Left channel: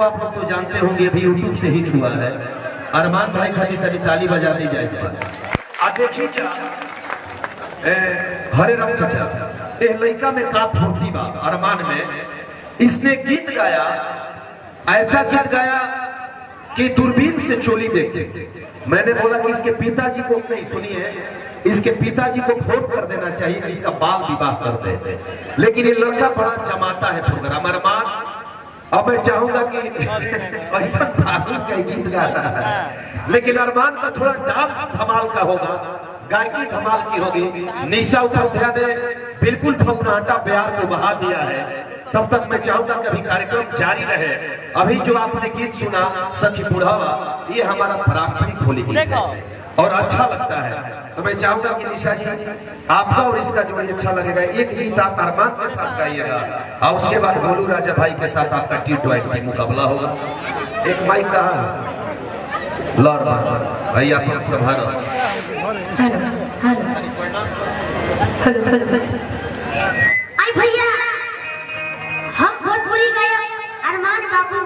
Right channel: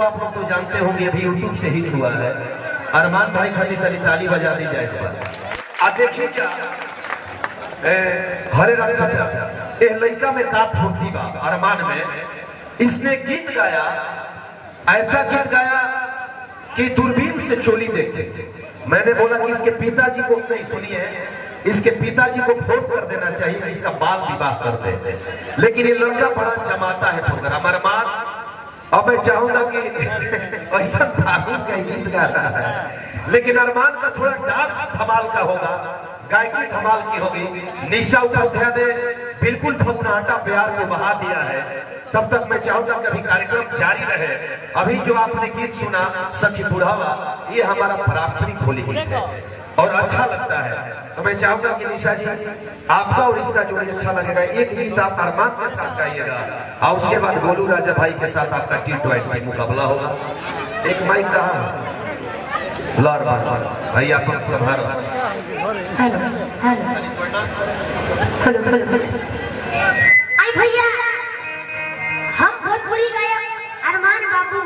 आप लोग तो जानते होंगे अभी यूट्यूब से हिट हुआ है। अरमान भाई खाती तरी ताली बजा दी जाए पर देखिए हरे राम चाचा ये लड़का में का फूर्ति बा अरमान में। इसने गीत गाया, ऐसा गीत गाया कि दूरबीन से चोली देखते। मैंने बोला कि इसके पिताजी को नहीं, सुनिए, इसके पिताजी को फोन कर देना चाहिए कि इसका बाल विवाह कर दे, लेकिन ये लड़का बड़ा जमाता है प्रोग्राम। अरमान अब मैं चाहूंगा कि ऐसा फागुन का गीत गाता है, लेकिन अरमान का थोड़ा डांस धमाल का होगा, गायकी धमाल की होगी। निशा उपाध्याय ने बिल्कुल फगुनाटा प्यार को बहा दिया है। तब तक मैं चाहूंगा कि अभी कार्यक्रम जारी रहे। अभी जो आपने गीत सुना सखी बुढ़ावा, ये हमारा पारंपरिक होली गीत है और अच्छा लगता है। तो मैं चाहूंगा कि निशा जी आपका और इसका जो अच्छा लगेगा, एक गीत आप अरमान के साथ गाइएगा और उसके बाद भोलू राजा भाई के साथ आपका टी20 मुकाबला होगा। एक माइक कहाँ लॉर भाई आप संभाल। आई भैया, हम भोजपुरी गायक अरमान बाबू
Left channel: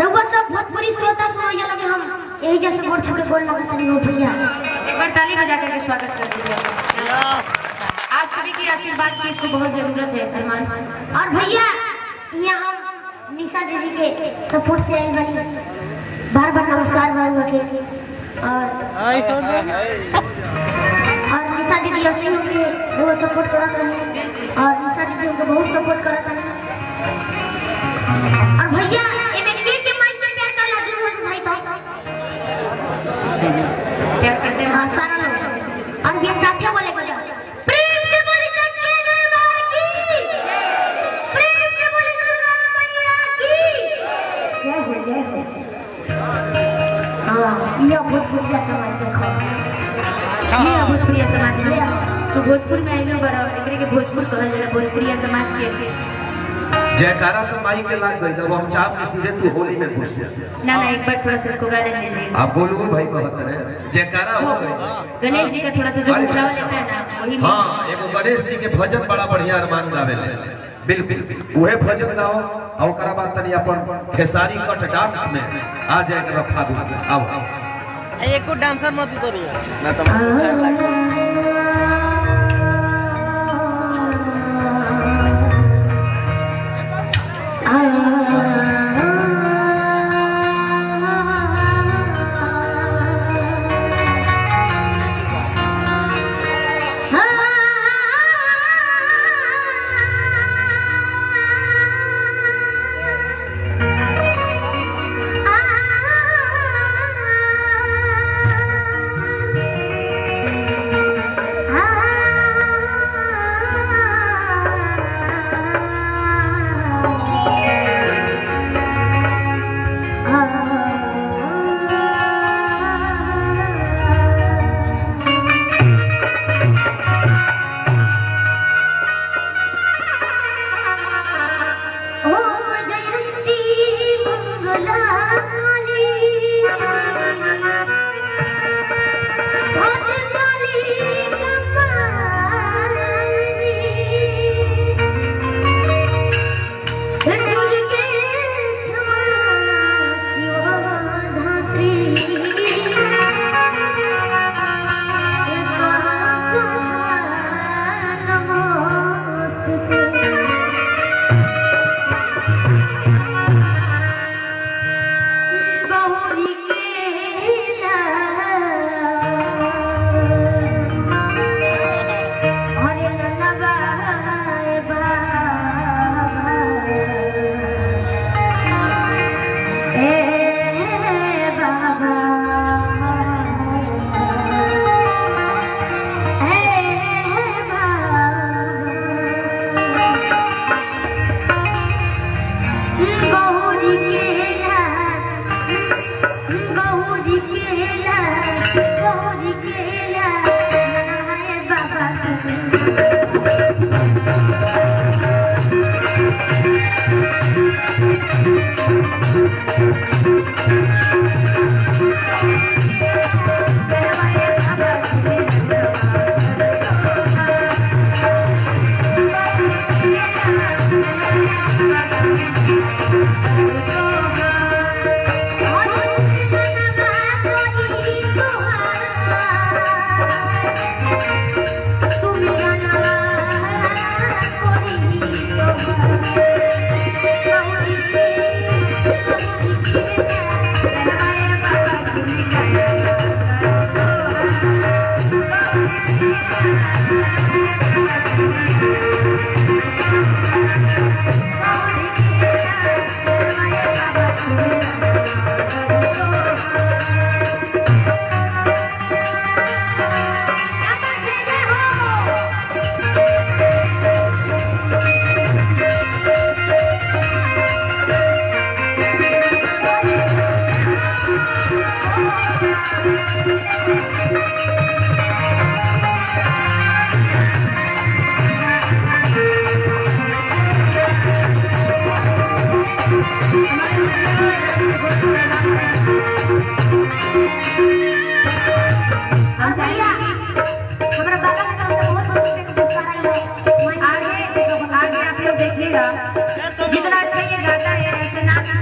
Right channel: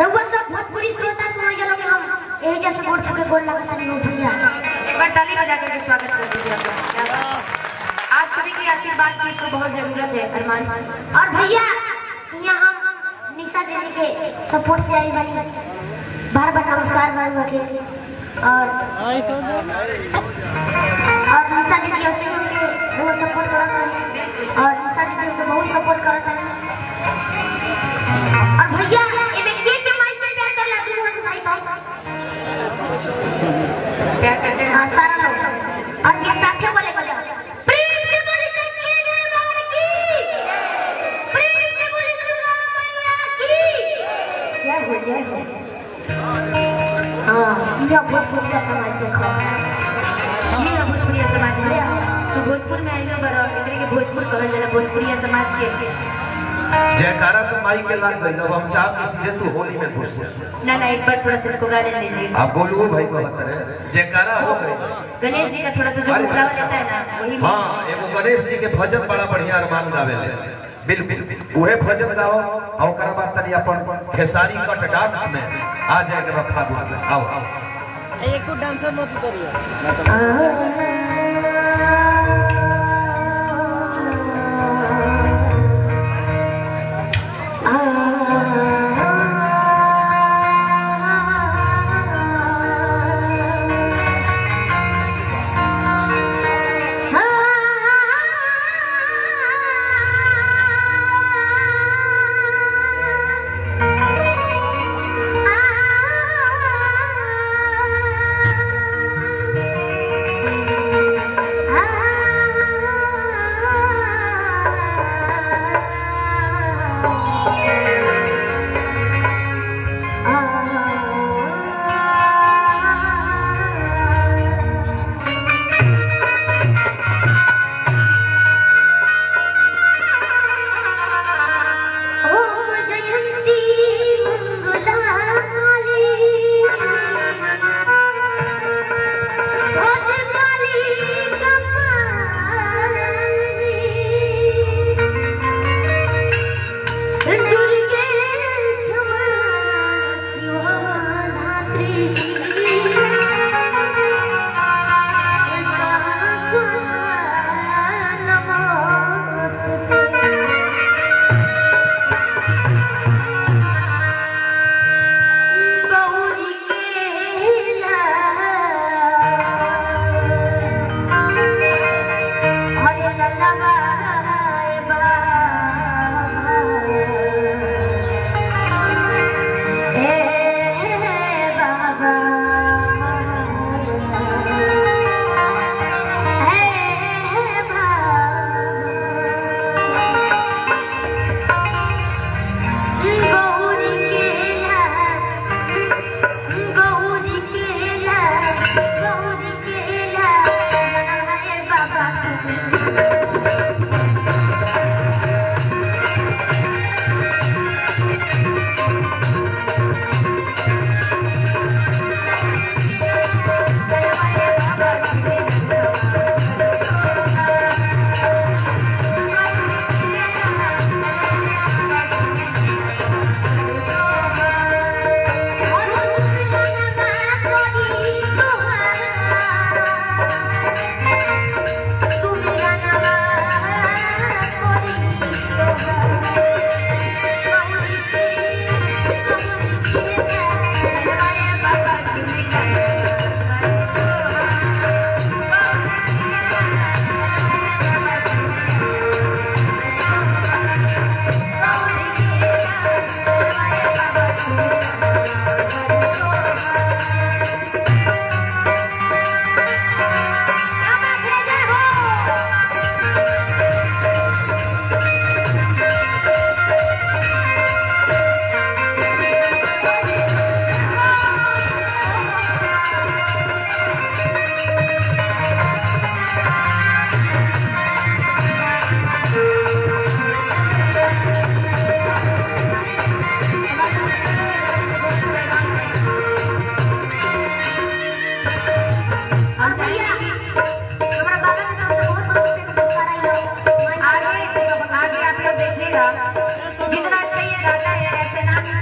रउआ सब भोजपुरी श्रोता सुनाइए लगे। हम यही जैसे गोड़ छुके गोड़ लगता नहीं हो भैया, एक बार ताली बजा करके स्वागत कर दीजिए। आप सभी की आशीर्वाद की इसको बहुत जरूरत है अरमान। और भैया यहाँ हम निशा जी के सपोर्ट से आई बनी, बार बार नमस्कार मांगा के। और निशा दीदी ऐसे ही उनको सपोर्ट करत रहे और निशा दीदी उनको बहुत सपोर्ट करत रहे। और भैया इमे के माई से प्यार कर लागे हम भाई प्यार करते हैं सारा लोग। और ये साथे बोले बोले प्रेम से बोले सच्चे दरबार की, प्रेम से बोले दुर्गा मैया की जय हो, जय हो। हाँ, ये भोजपुरिया समाज देखो, ये भोजपुरिया समाज है तो भोजपुर में आइलो बड़ा एकरे के भोजपुर कहल जाला, भोजपुरिया समाज के जयकारा तो माई के लाग गई। अब हम चाप के सीधे तू होली में घुस जा। ना एक बार थोड़ा सा इसको गा लेने दीजिए। आप बोल भाई कहते रहे जयकारा हो गई। गणेश जी का थोड़ा सा जो उठा जाता है ना वही। हाँ, एक गणेश जी के भजन बड़ा बढ़िया अरमान गावे ले, बिल्कुल वहे भजन गाओ और ओकरा बाद तनी अपन खेसारी कट डांस में आ जाए के फागुन में आओ। एक डांसर मत उतरिए।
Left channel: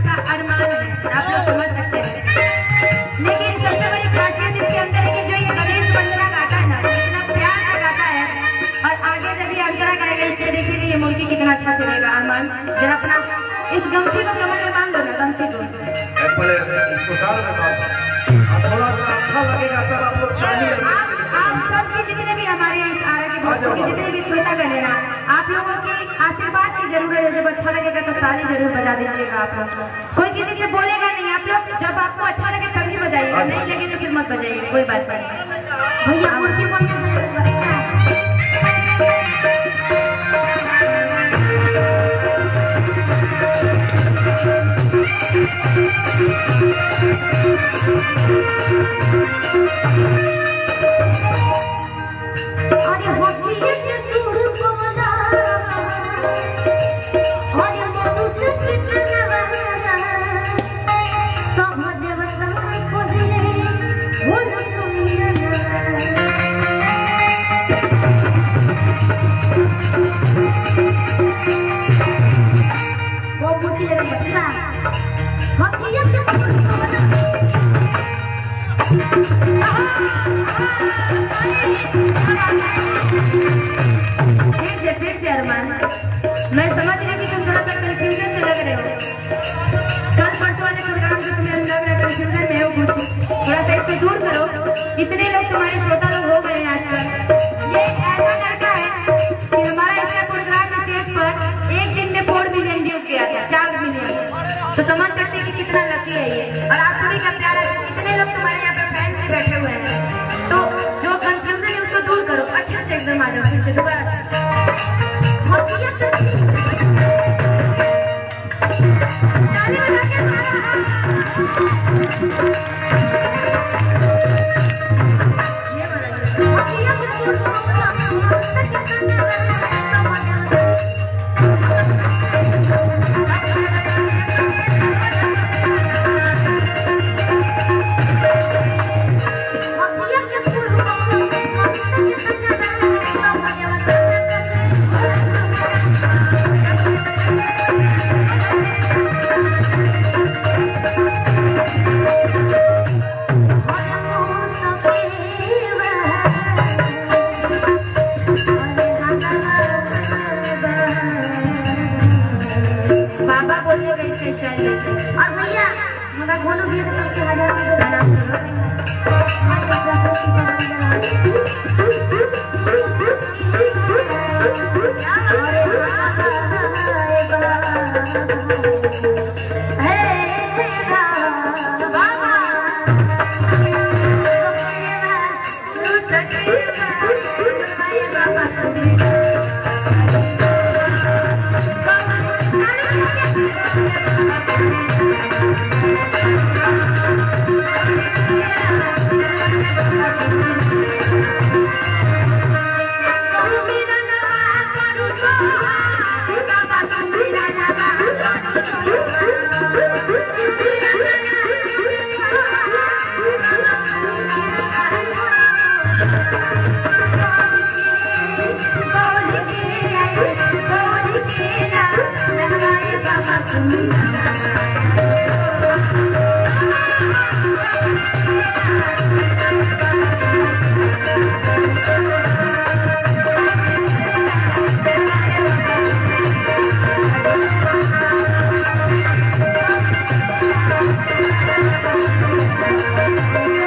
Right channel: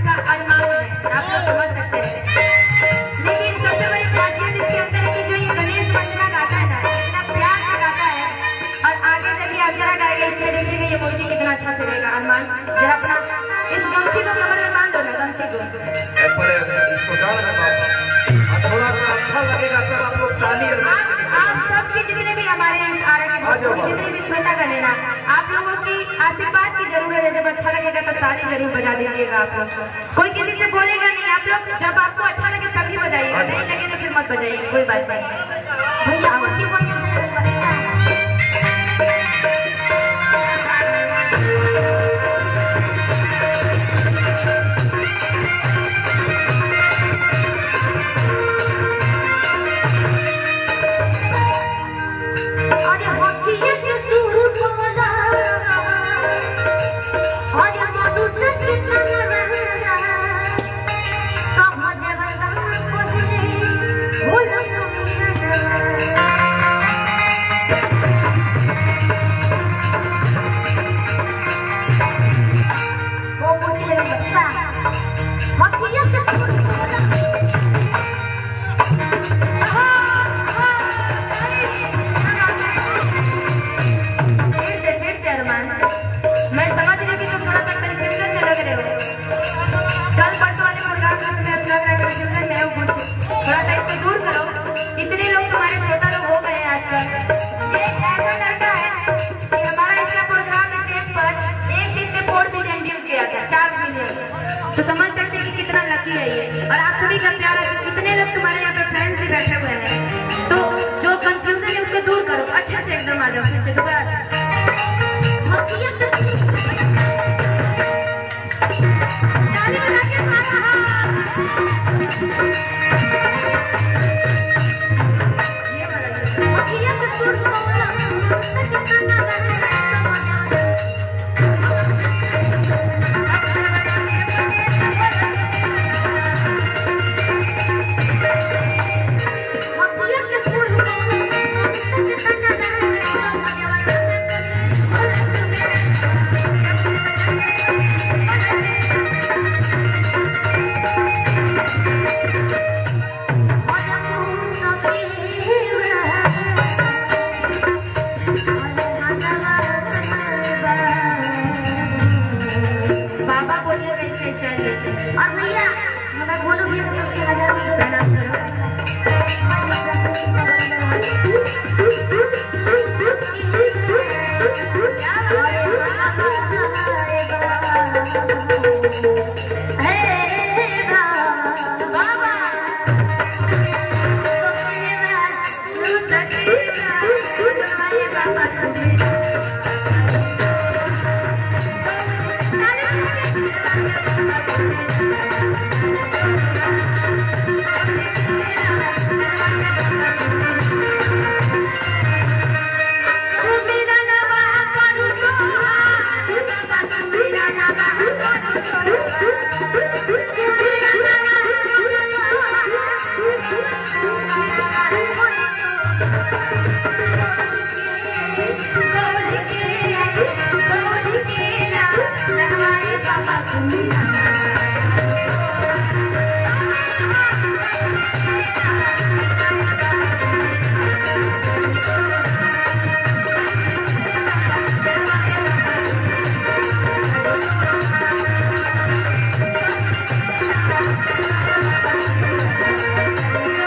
का अरमान है, आप लोग समझ सकते हैं। लेकिन सबसे बड़ी खासियत इसके अंदर है कि जो ये गणेश वंदना गाता है ना, इतना प्यार से गाता है और आगे जब ये अंतरा गाएगा इससे देखेंगे ये मूर्ति कितना अच्छा चलेगा। अरमान जरा अपना इस गमछी को कमर में बांध दो ना, गमछी को। थोड़ा सा अच्छा लगेगा तब आप लोग ताली आप सबके जितने भी हमारे आर के जितने भी श्रोता कर लेना, आप लोगों की आशीर्वाद की जरूरत है। जब अच्छा लगेगा तो ताली जरूर बजा दीजिएगा आप लोग। कोई किसी से बोलेगा नहीं, आप लोग जब आपको अच्छा लगे तभी बजाइएगा, नहीं लगे तो फिर मत बजाइए, कोई बात नहीं। भैया मूर्ति बढ़िया से मैं समझ रही हूँ कि तुम थोड़ा सा कंफ्यूजन में लग रहे हो। कल परसों वाले प्रोग्राम में तुम्हें लग रहा है कंफ्यूजन में हो कुछ, थोड़ा सा इसको दूर करो। इतने लोग तुम्हारे श्रोता लोग हो गए हैं आजकल। ये ऐसा लड़का है कि हमारा इसका प्रोग्राम स्टेज पर एक दिन में 4 मिलियन व्यूज किया था, 4 मिलियन। तो समझ सकते हैं कि कितना लकी है ये। और आप सभी का प्यार है, इतने लोग तुम्हारे यहाँ पे फैन से बैठे हुए हैं। तो जो कंफ्यूजन है उसको दूर करो, अच्छा से एकदम आ जाओ फिर से दोबारा। और भैया मगर बोलो भी उसके 1000 रुपये देना Thank you.